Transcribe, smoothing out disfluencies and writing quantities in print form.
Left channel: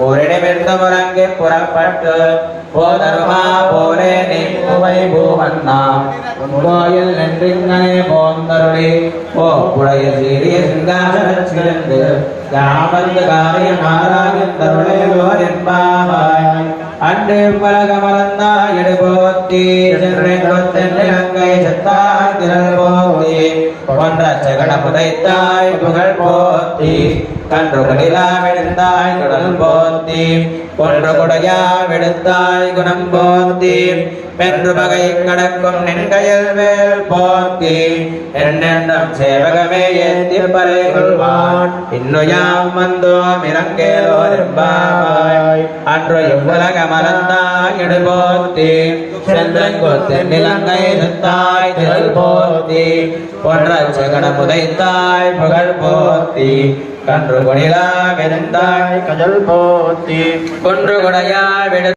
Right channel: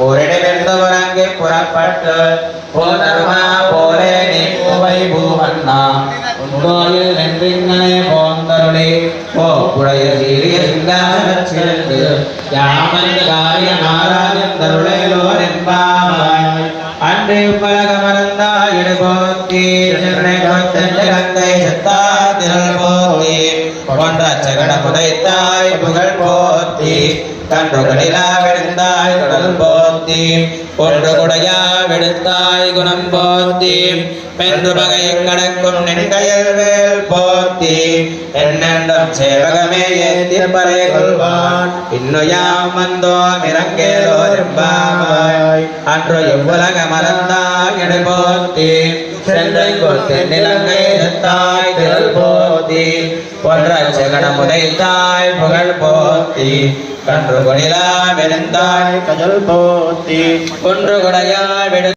ஊரிடமென்றவரங்கே புறப்பட்டு போதர்மா போலே நீ பூவை பூவண்ணா கோயில் நன்றிங்கனே போந்தருளி ஓ புடைய சீரிய சிங்காசனச்சிறந்து யாமந்த காரிய நாராயந்தருளையோர் என்பாவாய் அன்றே பலகமர்ந்தாய் எடுபோத்தி சென்னை கொடுத்தென்று கங்கை செத்தாய் திரள் போத்தி கொன்ற சகட புதைத்தாய் புகழ் போத்தி கன்று கடிலா விழுந்தாய் குடல் போத்தி கொன்று குடையா விடுத்தாய் குணம் போத்தி பென்று பகை கடக்கும் நின்கையல் வேல் போத்தி என்னென்றும் சேவகமே ஏத்தி பறை கொள்வான் இன்னுயாம் வந்தோம் இறங்கேலோ திரும்பாவாய் அன்று இவ்வுலக மறந்தாய் எடு போத்தி சென்றை கொத்து நிலங்கை செத்தாய் திரள் போத்தி பொன்ற சகட புதைத்தாய் புகழ் போத்தி கன்று கொடிலா விழுந்தாய் கஜல் போத்தி கொன்று கொடையா விடு